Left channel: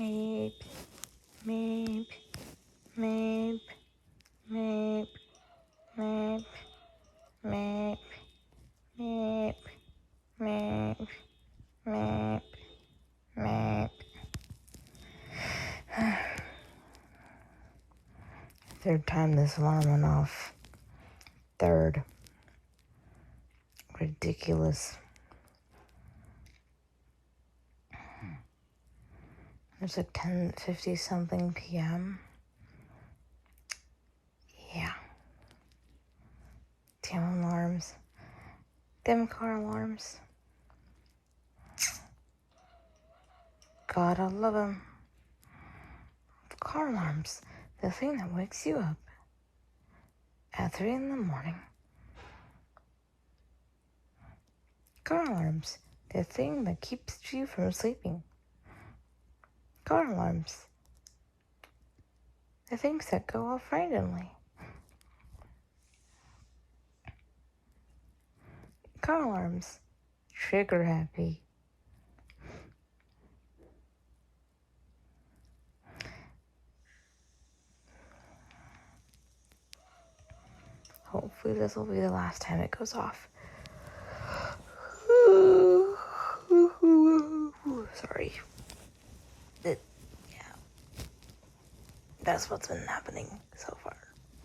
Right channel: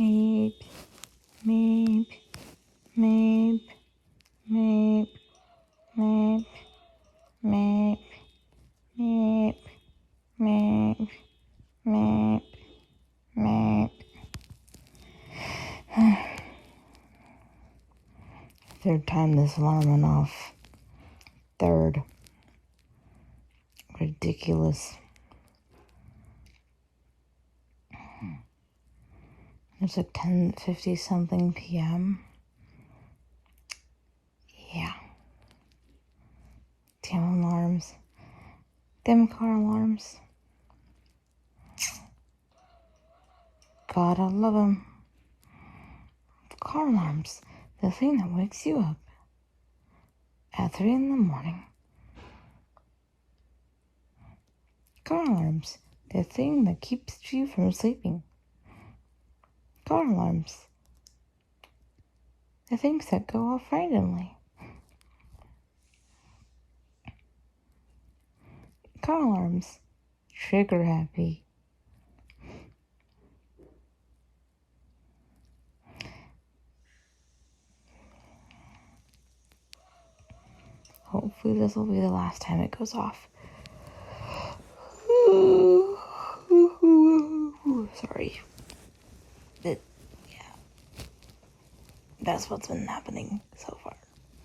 meep, meep, meep, meep, meep, meep, meep, meep, meep, meep. Third time this alarm went off. Third. Ridiculous. It's like 10:50 something p.m. Yeah. Damn alarms. Them car alarms. Gotta love 'em. Car alarms. The thing that wakes you up at 3 in the morning. Car alarms. The thing that keeps you from sleeping. Car alarms. The things that go off randomly. Car alarms. Trigger happy. Hopefully this will be the last time it goes off. Sorry. But, yeah. That's what's been happening so far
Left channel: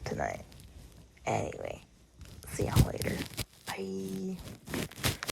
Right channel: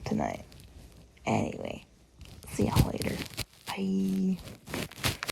tonight. Anyway, see y'all later. Bye.